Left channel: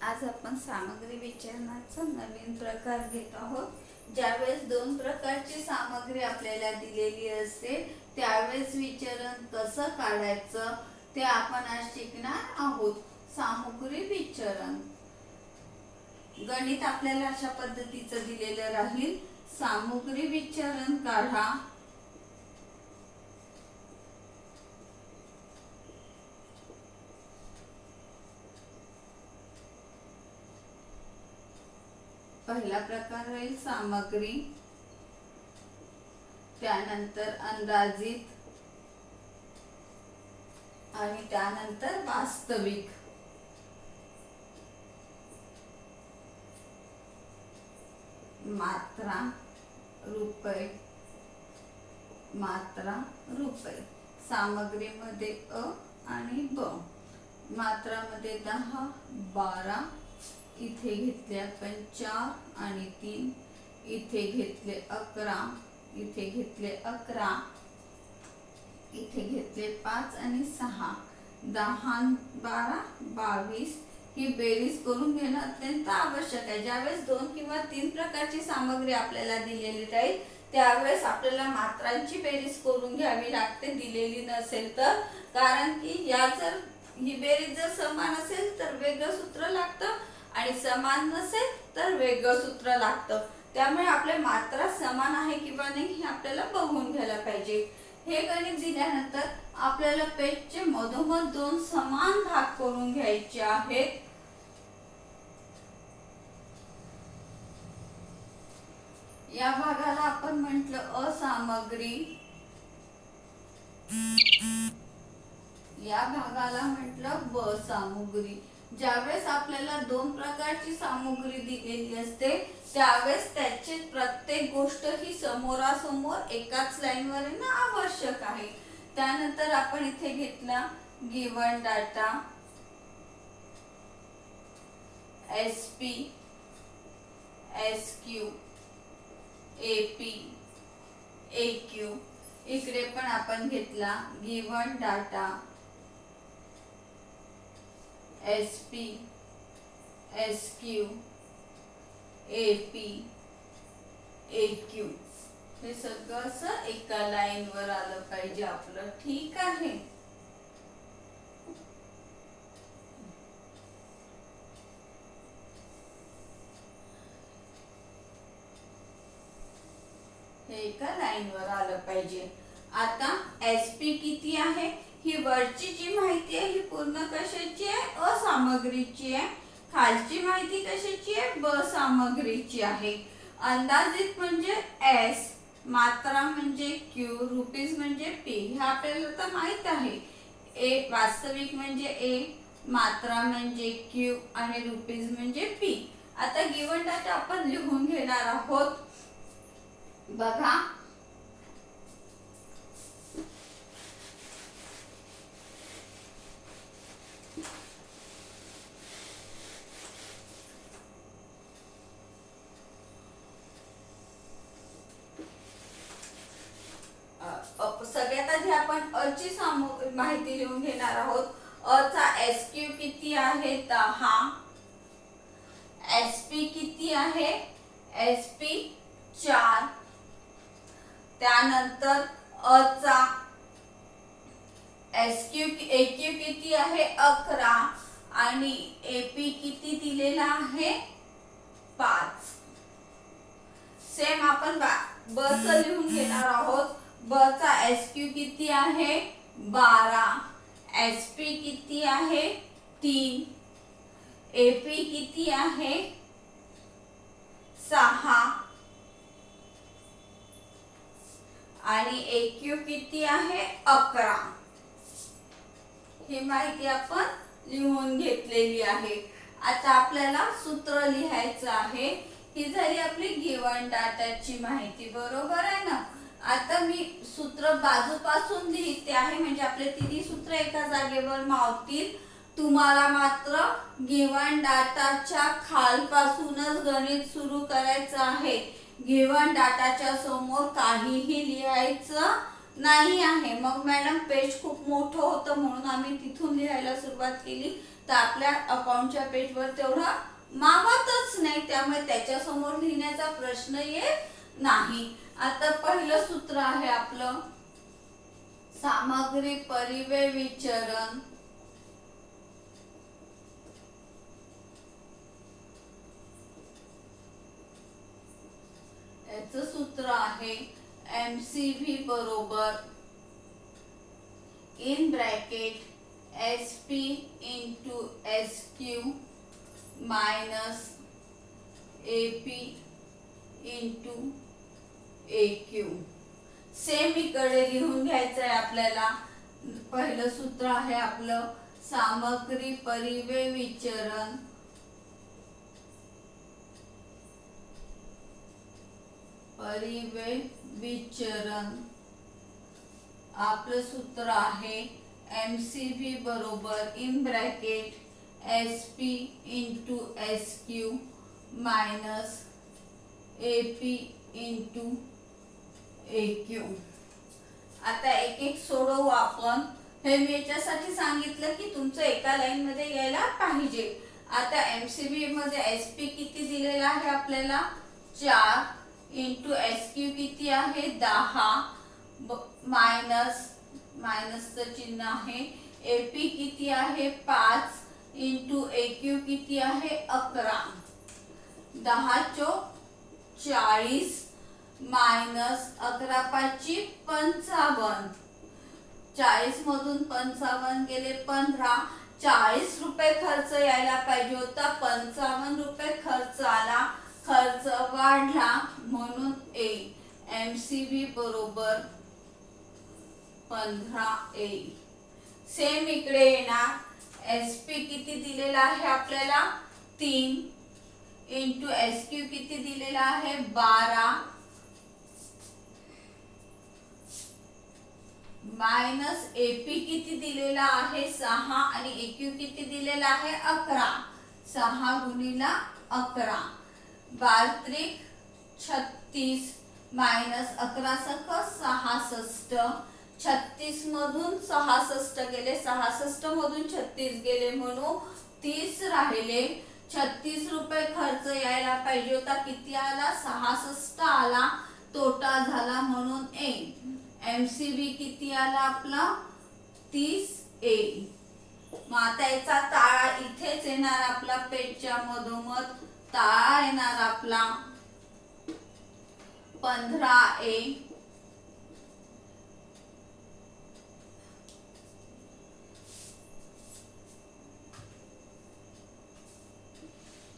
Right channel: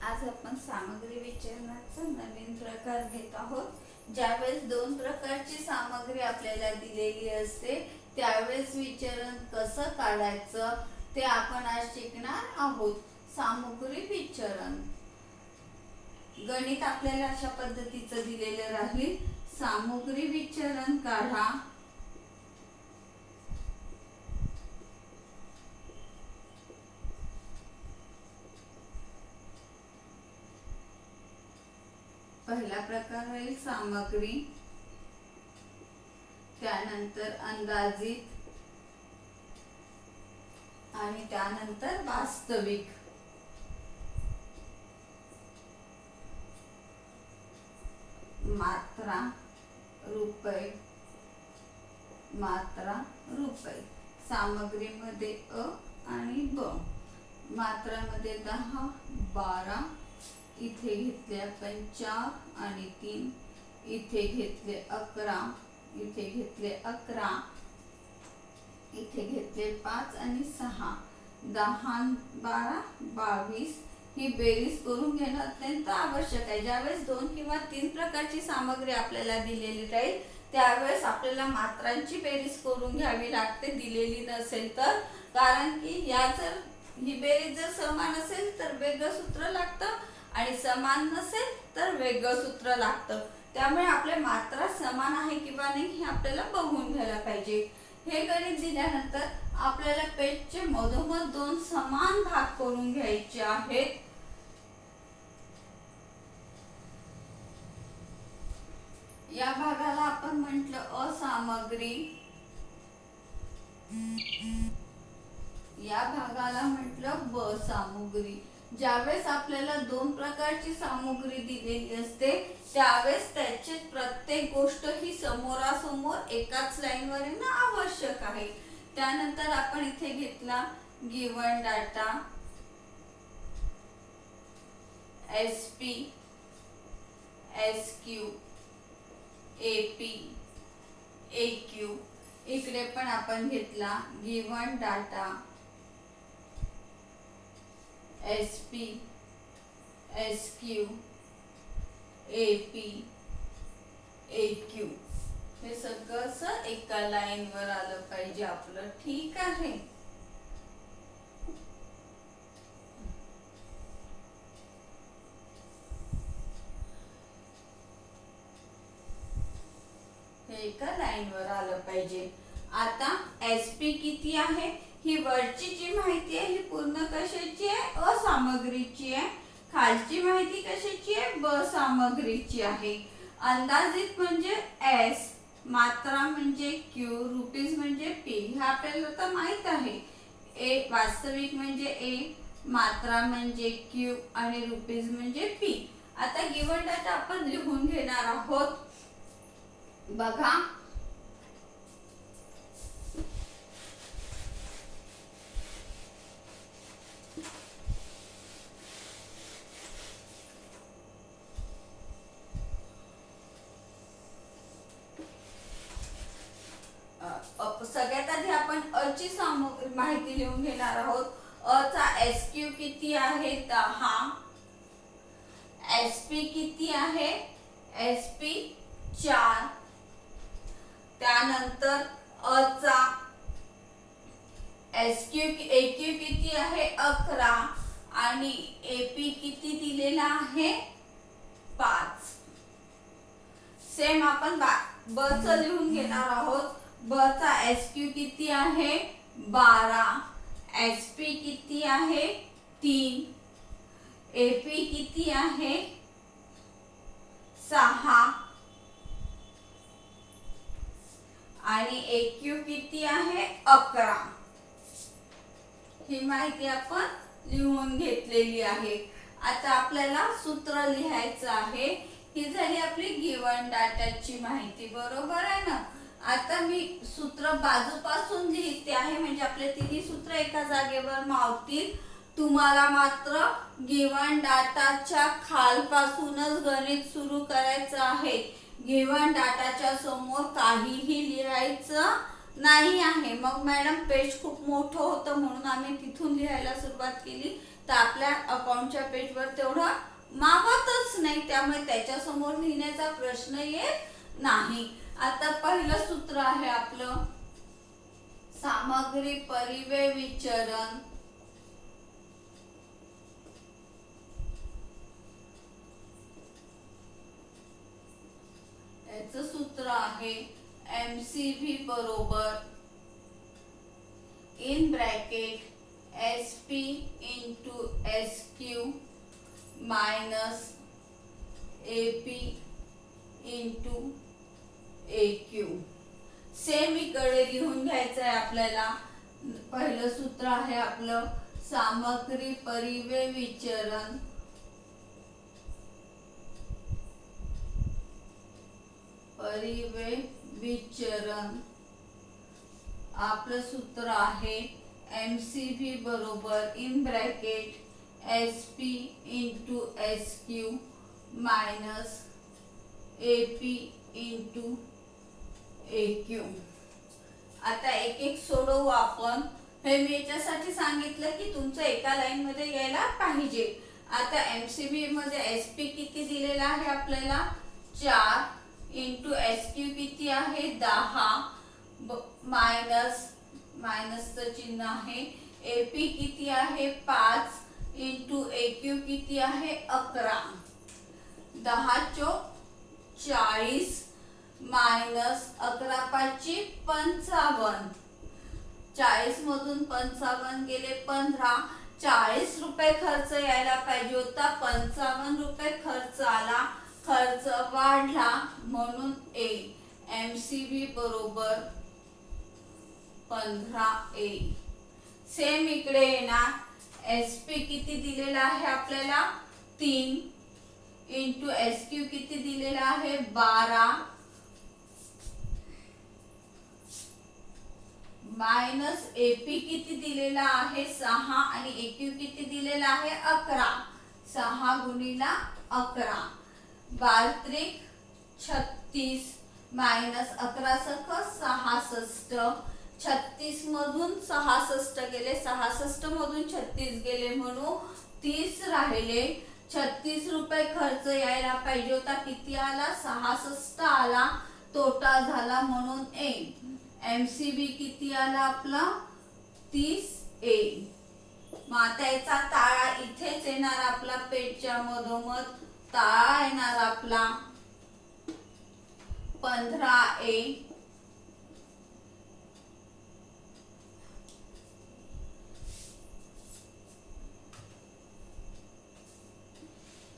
आज आपण सामग्री विचारण्याचा नवीन प्रकार घेत आहोत। ज्यावेळेस दोन प्रकारची सामग्री आपल्याला दिलेली असते त्यावेळेस विचरण कसं काढायचं ते आपण आज शिकणार आहोत। सामग्री विचरण गणित आपल्याला अशा पद्धतीचं दिलेलं राहील। सामग्री विचरण काढा। पहिला प्रकार राहील सामग्री, त्यानंतर अंदाजित आणि त्यानंतर वास्तविक। मात्रा रुपये, मात्रा रुपये। सामग्रीमध्ये अ आणि ब। मात्रामध्ये 10, 12, इथे घेतले आपण 4 आणि 3, इथे घेतले 11, इथे घेतले 11, इथे घेतले 5 आणि 6, 10, 12, 22। ही बेरीज करून घेणं अत्यंत आवश्यक आहे। ज्यावेळेस 2 किंवा 3 प्रकारची सामग्री आपल्याला दिलेली राहील त्यावेळेस आपल्याला मात्रांची बेरीज करून घ्यावी लागते दिलेली नसेल तर, कारण की या जर ही बेरीज जर समान असेल तर वेगळं सूत्र लागतं आणि समान नसेल तर वेगळं सूत्र लागतं। त्यामुळे आपल्या मात्रा समान आहे किंवा नाही हे आपल्याला बघून घ्यायला पाहिजे। हे गणित दिल्यानंतर आपल्याला पेजचे मधोमध 2 समान भाग करून घ्यायचे आहेत। या भागाला आपण म्हटलं असामग्री, या भागाला म्हटलं ब सामग्री। ज्यावेळेस आपल्याला 2 प्रकारची सामग्री दिलेली असते त्यावेळेस त्याची प्रत्येक गोष्ट ही समोरासमोर एकाच लाईनवर येणं आवश्यक आहे। त्यानंतर आपण इथे घेतला given data SP, SQ, AP, AQ. इकडे पण आपण घेतला given data SP, SQ, AP, AQ. हे सगळं असं एका लाईनवर आलं पाहिजे आपलं, ठीक आहे। हे एका लाईनवर आलं पाहिजे। आता एसपी किती आहे ही वरची जी माहिती आहे ही पूर्ण कशाची आहे, असामग्रीची आहे। खालची माहिती कशाची आहे, ब सामग्रीची आहे। अंदाजित म्हणजे एस, मात्रा म्हणजे क्यू, रुपीज म्हणजे पी, हे आपल्याला तर माहित आहे। ए वास्तविक म्हणजे ए, मात्रा म्हणजे क्यू आणि रुपीज म्हणजे पी। आता गिवन डाटा आपण लिहून घेणार आहोत। बघा सगळ्यात आधी आपण अ ची माहिती लिहून घेणार आहोत। अ चा एसक्यू किती आहे 10, एसपी किती आहे एसपी 4, त्यानंतर अ चा एक्यू किती आहे 11 आणि एपी किती दिलेला आहे 5। सेम आपण ब च लिहून घेणार आहोत। ब चा एसक्यू किती आहे 12, एसपी किती आहे 3, एपी किती आहे 6 आणि एक्यू किती आहे 11। ही माहिती आपण लिहून घेतलेली आहे। आता आपल्याला सूत्र लिहायचं आहे। ही झाली आपली गिवन डाटाची माहिती, बरोबर आहे ना। आता मी सूत्र बाजूपासून लिहिते आहे म्हणजे आपले तिन्ही सूत्र एका जागेवर मावतील। तुम्हाला मात्र गिवन डाटाच्या खालपासूनच गणित सुरू करायचं आहे। गिवन डाटाच्या समोर काहीही लिहायचं नाही आहे। मग मॅडम पेज खूप मोठं होतं म्हणून आम्ही तिथून लिहायला सुरुवात केली। तर आपल्या अकाउंटच्या पेजवर तेवढा मावतच नाही, त्यामुळे त्याच्यासमोर लिहिण्याचा प्रश्न येत नाही. आता पहिलं सूत्र आहे आपलं सामग्री परिव्यय विचरण. याचं सूत्र आहे MCV बरोबर in bracket SP into SQ minus AP into AQ. Same इकडे लिहून घ्यायचं आहे आपल्याला. पहिलं सूत्र आहे आपलं सामग्री परिव्यय विचरण. परिव्यय विचरण आपलं सूत्र आहे MCV बरोबर in bracket SP into SQ minus AP into AQ. आता एक एक सोडवू आपण. हे मी याच्यासाठी सांगितलं की तुमचं एका लाईन मध्ये यायला पाहिजे. आता MCV मध्ये SP किती दिलेला आहे आपल्याला 4 इंटू SQ किती आहे 10 मायनस मायनसचं चिन्ह आहे. AP किती आहे 5 इंटू AQ किती आहे 11. 10 चोक 40 मायनस 11 पाची 55. 40 मधून 55 गेले 15. 40 रुपये खर्च यायला पाहिजे होता, 55 रुपये खर्च आला. खर्च वाढला म्हणून MCV बरोबर 15A. सेम इकडे येणार. SP किती दिलेला आहे आपल्याला 3 इंटू SQ किती दिलेला आहे 12 मायनस AP किती दिलेला आहे 6 आणि AQ किती दिलेला आहे 11. 6 गुणिला 11 12 36 मायनस 11 सख 66. 36 मधून 66 गेले, 66 मधून 36 गेले म्हणून 30 राहिले. 36 रुपये खर्च यायला पाहिजे होता, किती आला 66 आला. तोटा झाला म्हणून MCV किती आला आपला 30A. मग आता याचा ताळा इथेच येणार आपला पेजच्या मधोमध. ताळा येणार आपला 15A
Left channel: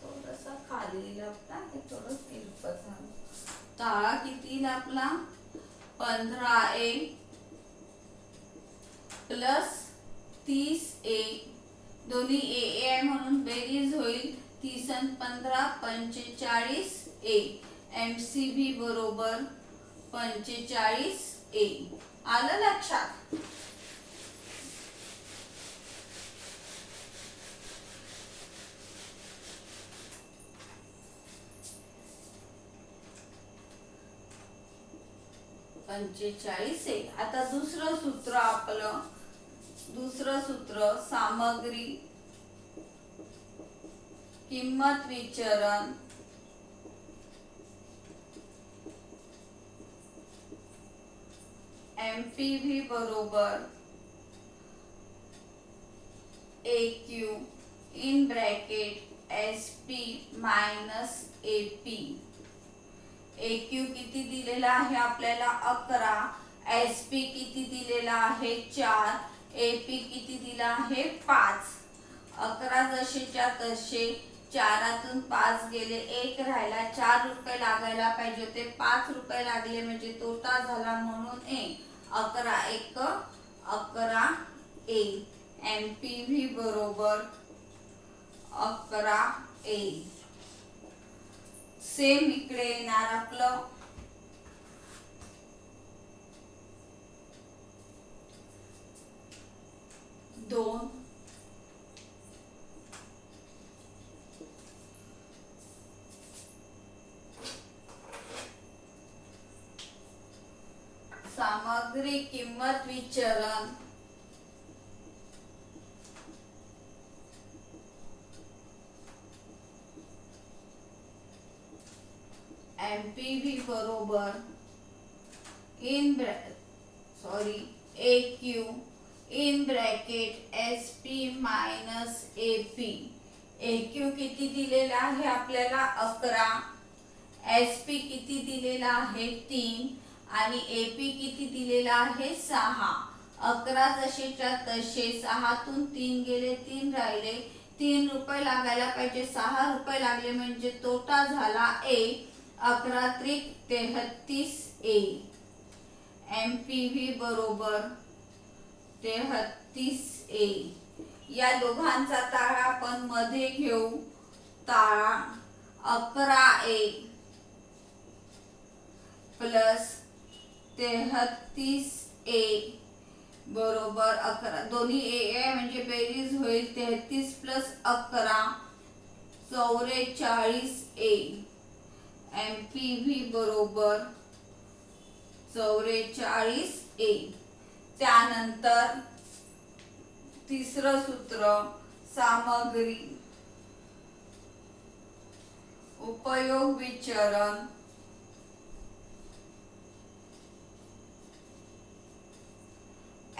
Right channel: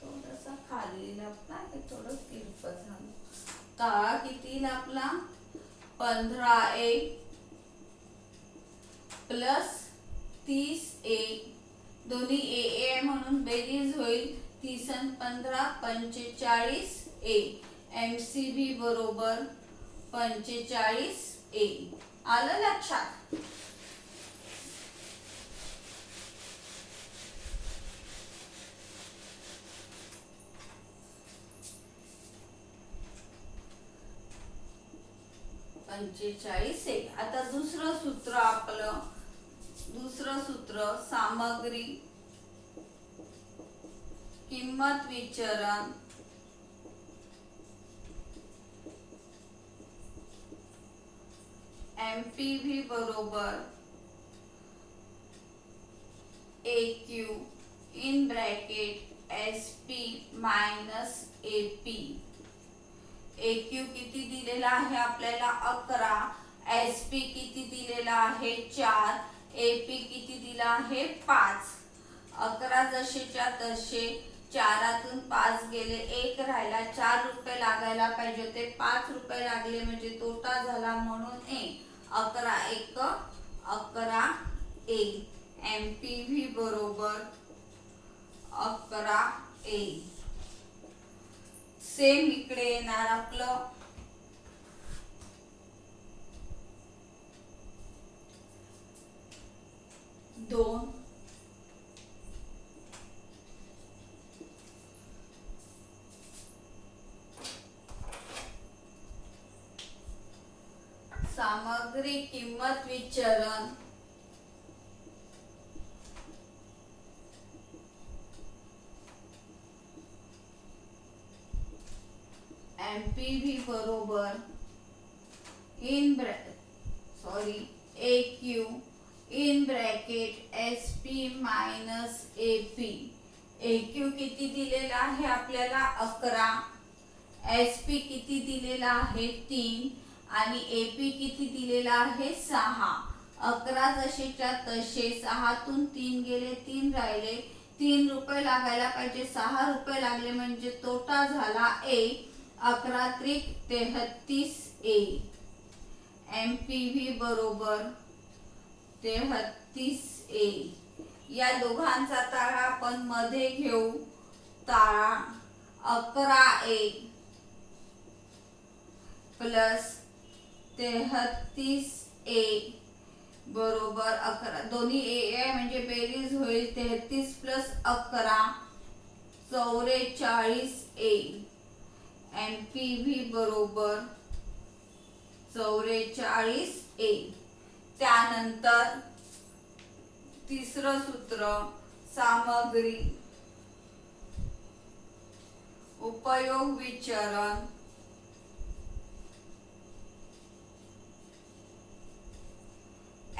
थोडासा खाली लागता हे थोडं तिरपट झालं. ताळा किती आपला 15A प्लस 30A. दोन्ही AA म्हणून बेरीज होईल. 30 आणि 15 45A. MCV बरोबर 45A. आलं लक्षात. A. आता दुसरं सूत्र आपलं. दुसरं सूत्र सामग्री किंमत विचरण. MPV बरोबर AQ in bracket SP minus AP. AQ किती दिलेला आहे आपल्याला 11. SP किती दिलेला आहे 4. AP किती दिला आहे 5. 11 जसेच्या तसे 4तून 5 गेले 1 राहिला. 4 रुपये लागायला पाहिजे होते, 5 रुपये लागले म्हणजे तोटा झाला म्हणून 11 1 11A. MPV बरोबर 11A. सेम इकडे येणार आपलं दोन सामग्री किंमत विचरण MPV बरोबर AQ in bracket SP minus AP. AQ किती दिलेला आहे आपल्याला 11, SP किती दिलेला आहे 3 आणि AP किती दिलेला आहे 6. 11 जसेच्या तसे, 6तून 3 गेले, 3 राहिले, 3 रुपये लागायला पाहिजे, 6 रुपये लागले म्हणजे तोटा झाला A. 11 त्रिक 33 A. MPV बरोबर 33 A. या दोघांचा ताळा आपण मध्ये घेऊ. ताळा 11A प्लस 33A बरोबर 11. दोन्ही A म्हणजे बेरीज होईल. 33 प्लस 11 44A. MPV बरोबर 44A. त्यानंतर तिसरं सूत्र सामग्री उपयोग विचरण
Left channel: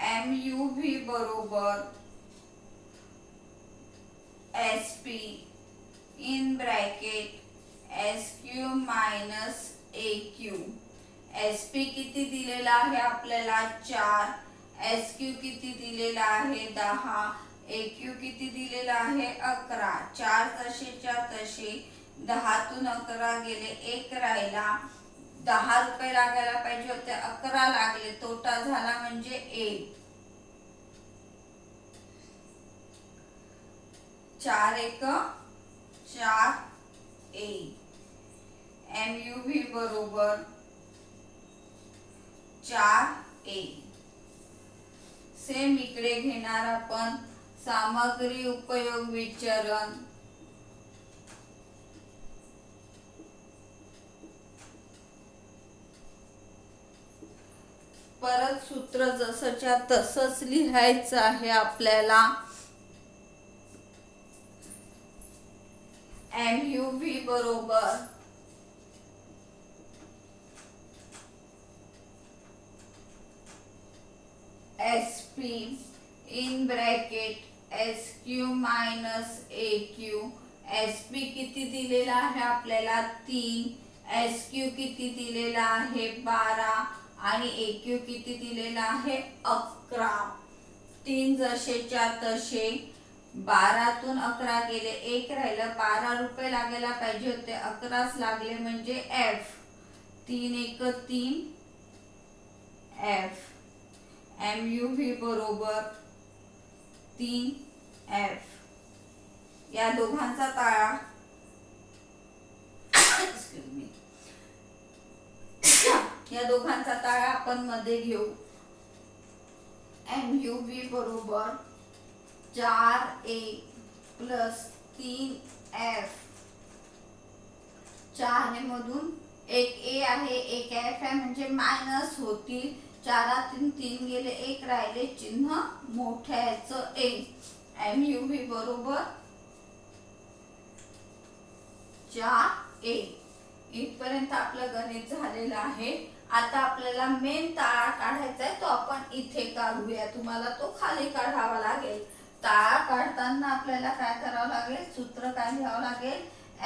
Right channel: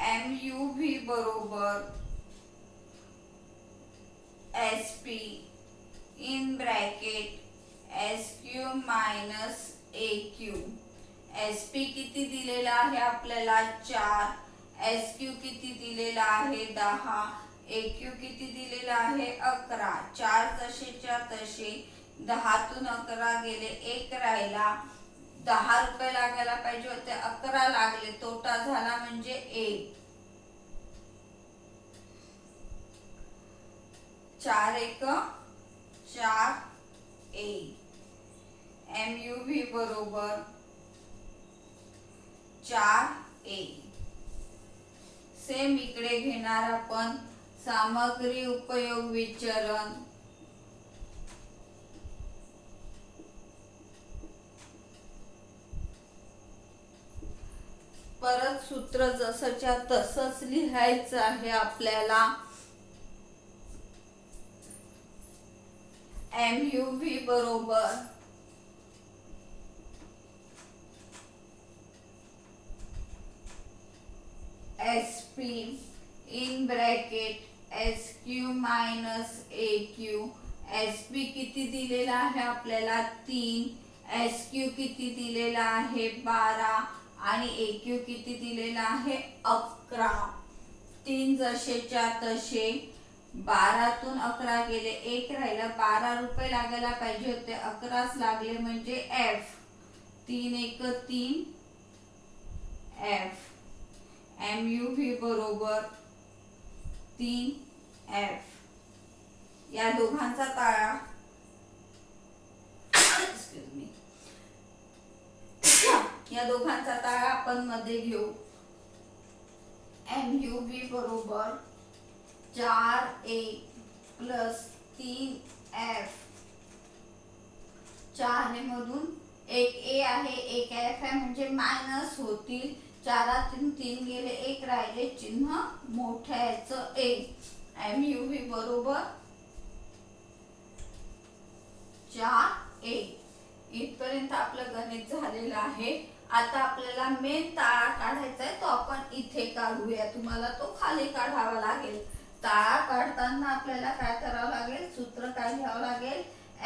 MUV बरोबर SP in bracket SQ minus AQ. SP किती दिलेला आहे आपल्याला 4, SQ किती दिलेला आहे 10, AQ किती दिलेला आहे 11. 4 तसेच्या तसे, 10तून 11 गेले, 1 राहिला, 10 रुपये लागायला पाहिजे होते, 11 लागले, तोटा झाला म्हणजे A. 4 1 4 A. MUV बरोबर 4A. सेम इकडे घेणार आपण सामग्री उपयोग विचरण परत सूत्र जसंच्या तसंच लिहायचं आहे आपल्याला. MUV बरोबर SP in bracket SQ minus AQ. SP किती दिलेला आहे आपल्याला 3, SQ किती दिलेला आहे 12 आणि AQ किती दिलेला आहे 11. 3 जसेच्या तसे, 12तून 11 गेले, 1 राहिला, 12 रुपये लागायला पाहिजे होते, 11च लागले म्हणजे F. 3 1 3 F. MUV बरोबर 3F. या दोघांचा ताळा या दोघांचा ताळा आपण मध्ये घेऊ. MUV बरोबर 4A प्लस 3F. 4 मधून एक A आहे, एक F आहे म्हणजे मायनस होतील. 4तून 3 गेले, 1 राहिले, चिन्ह मोठ्याचं A. MUV बरोबर 4A. इथपर्यंत आपलं गणित झालेलं आहे. आता आपल्याला मेन ताळा काढायचा आहे, तो आपण इथे काढूया. तुम्हाला तो खाली काढावा लागेल. ताळा काढताना आपल्याला काय करावं लागेल, सूत्र काय घ्यावं लागेल,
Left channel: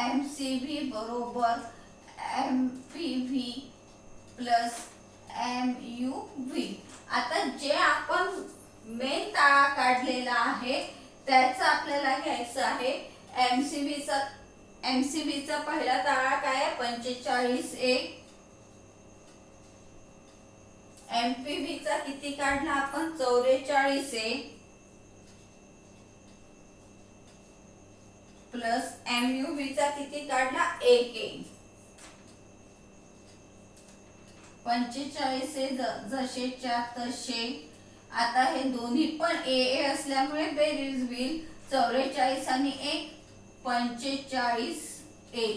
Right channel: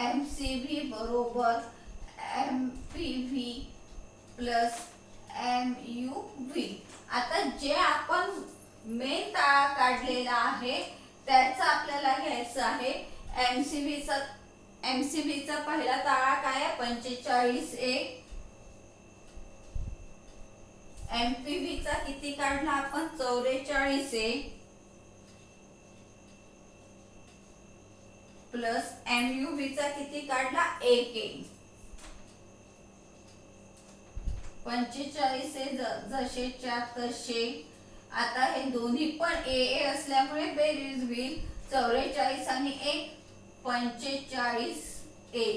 MCV बरोबर MPV प्लस MUV. आता जे आपण मेन ताळा काढलेला आहे त्याचा आपल्याला घ्यायचं आहे MCVचा पहिला ताळा काय आहे 45A. MPVचा किती काढला आपण 44A प्लस MUVचा किती काढला 1A. 45A जसेच्या तसे. आता हे दोन्ही पण AA असल्यामुळे बेरीज होईल. 44 आणि 1 45A.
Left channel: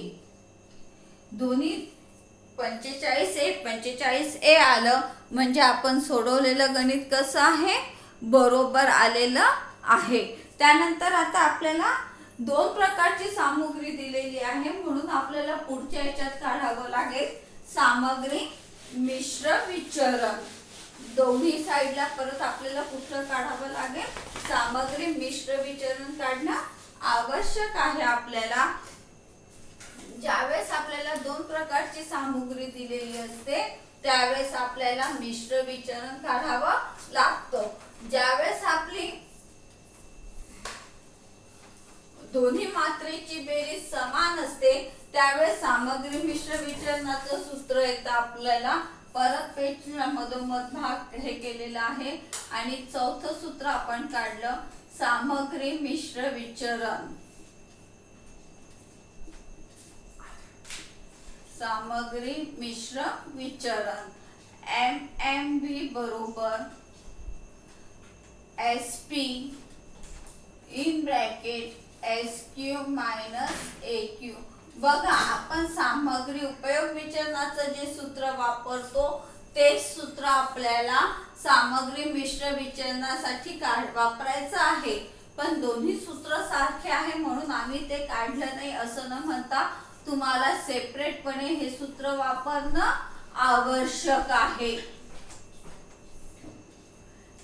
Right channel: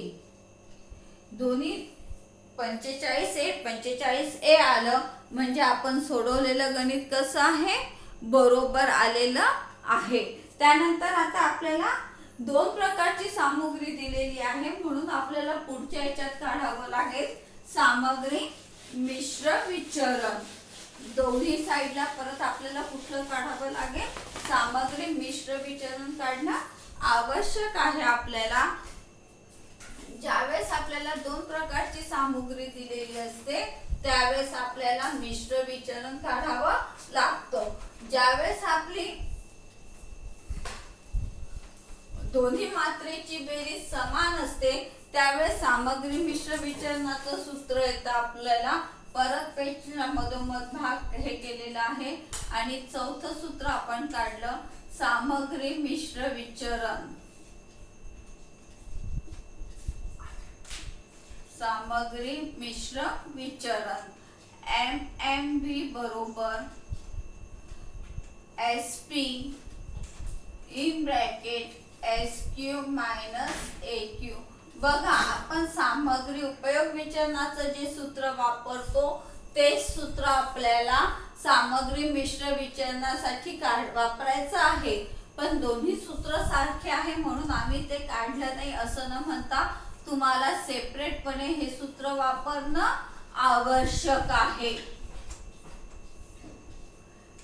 दोन्ही 45A 45A आलं म्हणजे आपण सोडवलेलं गणित कसं आहे, बरोबर आलेलं आहे. त्यानंतर आता आपल्याला दोन प्रकारची सामग्री दिलेली आहे म्हणून आपल्याला पुढच्या याच्यात काढावं लागेल सामग्री मिश्र विचरण. दोन्ही साइडला परत आपल्याला कुठलं काढावं लागेल सामग्री मिश्र विचरण काढणं आवश्यक आहे आपल्याला. ज्यावेळेस आपल्याला दोन प्रकारची सामग्री दिलेली असते त्यावेळेस आपल्याला मिश्र विचरण काढावं लागतं. ज्यावेळेस आपली दोन्ही मात्रेची बेरीज समान असते त्यावेळेस सामग्री मिश्र विचरणाचं सूत्र येतं आपल्याला. परत पेजला मधोमध भाग हे केलेला आहे आणि चौथं सूत्र आपण काढलं सामग्री मिश्र विचरण. सामग्री मिश्र विचरण MMV बरोबर SP in bracket SQ minus AQ. बघा आपण सामग्री उपयोग विचरणाचं जे सूत्र वापरतो तेच सूत्र आपल्याला सामग्री मिश्र विचरणासाठी वापरायचं आहे. पण दोन्ही सूत्र सारखे आहे म्हणून आम्ही ते काढलं नाही असं न म्हणता तुम्हाला सेपरेटपणे हे सूत्र वापरणं आवश्यक आहे.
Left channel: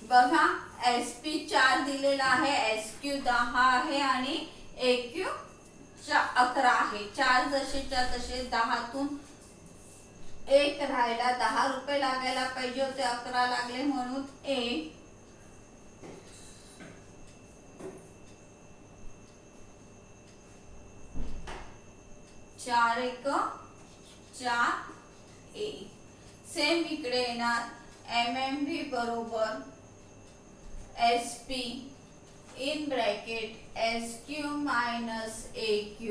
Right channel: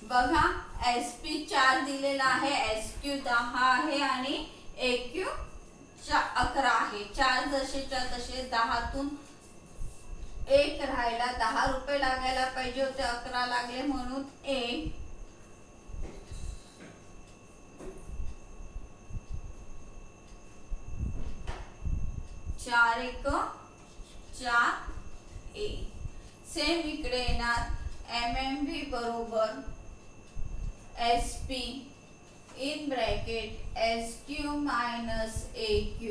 बघा SP 4 दिलेला आहे, SQ 10 आहे आणि AQ 11 आहे. 4 जसेच्या तसे 10तून 1 राहिला 10 रुपये लागायला पाहिजे होते 11 लागले म्हणून 1 4 1 4 1. सेम इकडे येणार MMV बरोबर SP in bracket SQ minus AQ.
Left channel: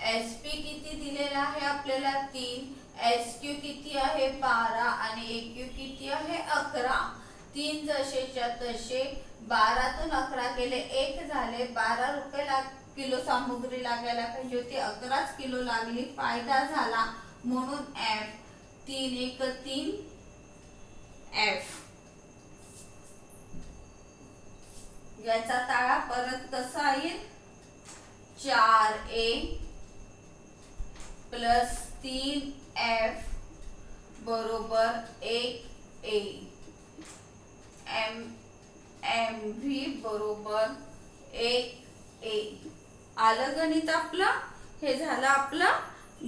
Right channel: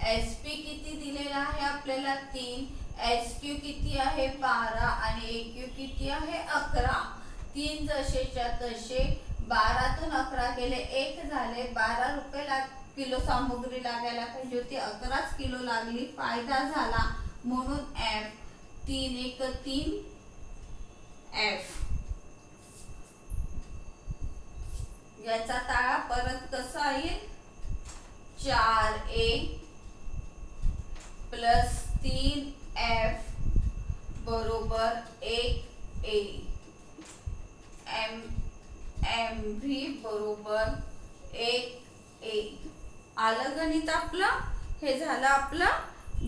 SP किती दिलेला आहे आपल्याला 3, SQ किती आहे 12 आणि AQ किती आहे 11. 3 जसेच्या तसे 12तून 11 गेले 1 झाले 12 रुपये किलो सामग्री लागायला पाहिजे होती 11च किलो लागली. फायदा झाला म्हणून F 3 1 3 F. याचा ताळा परत कसा येईल 4A प्लस 3F बरोबर 1A. MV बरोबर 1A. आलं गणित आपलं. हे झालं आपलं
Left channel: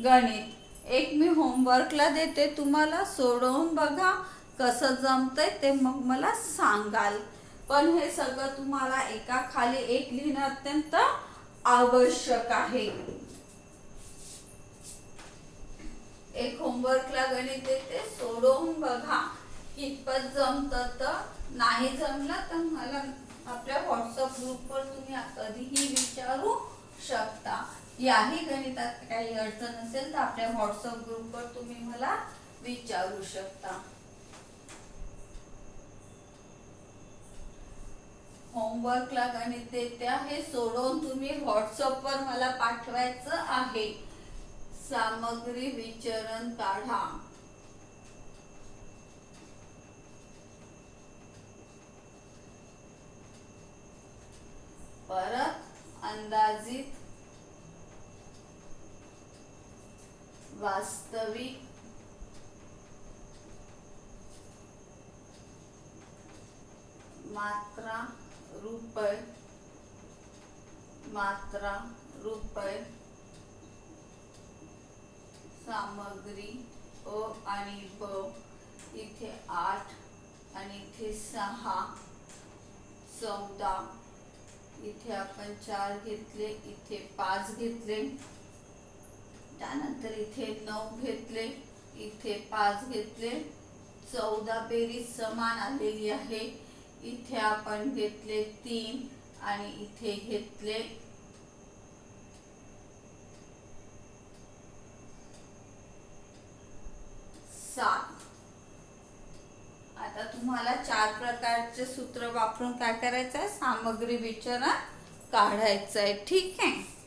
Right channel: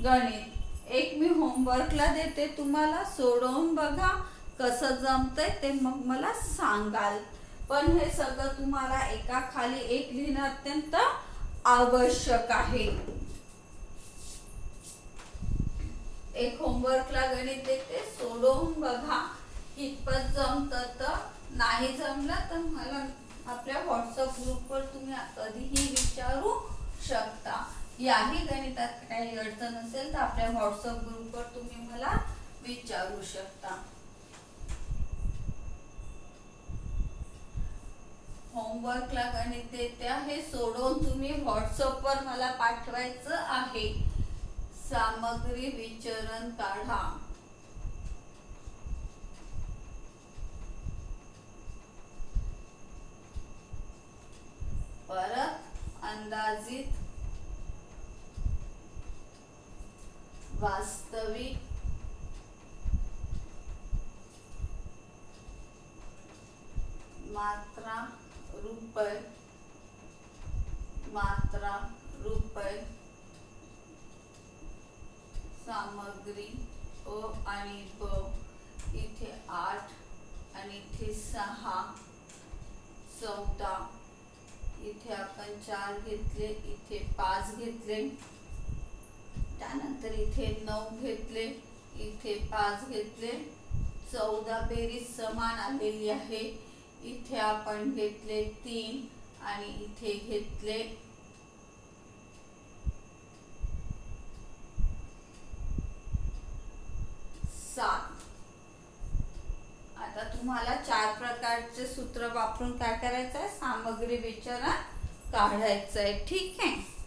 गणित. एक मी होमवर्कला देते तुम्हाला सोडवून बघा कसं जमतंय ते मग मला सांगाल. पण हे सगळं तुम्हाला एका खाली एक लिहिणं अत्यंत आवश्यक आहे. एक होमवर्कला गणित देते सोडवून बघा कितपत जमतं. तर नाही जमलं तर मला आपल्या व्हॉट्सअप ग्रुपवर तुम्ही कधीही विचारू शकता. याही गणितात काही अडचण असेल तर आपल्या व्हॉट्सअप ग्रुपवर तुम्ही मला विचारू शकता. होमवर्कला गणित देते आहे सोडवून तुम्ही व्हॉट्सअपवर मला पाठवायचं आहे. सामग्री विचरण काढा. परत अंदाजित वास्तविक मात्रा रुपये सामग्री अ आणि ब. इथे 8 आणि इथे 6 14. इथे आपण 4 घेतले इथे 5 घेतले त्यानंतर इथे 9 घेतले इथे 5 घेतले. 14 बेरीज समान आलेली आहे. इथे आपण घेतले 3 आणि इथे घेतले 7. आता तुम्हाला 4 प्रकारचे सूत्र वापरून काय करायचं आहे सामग्री विचरण काढायचं आहे. ठीक आहे.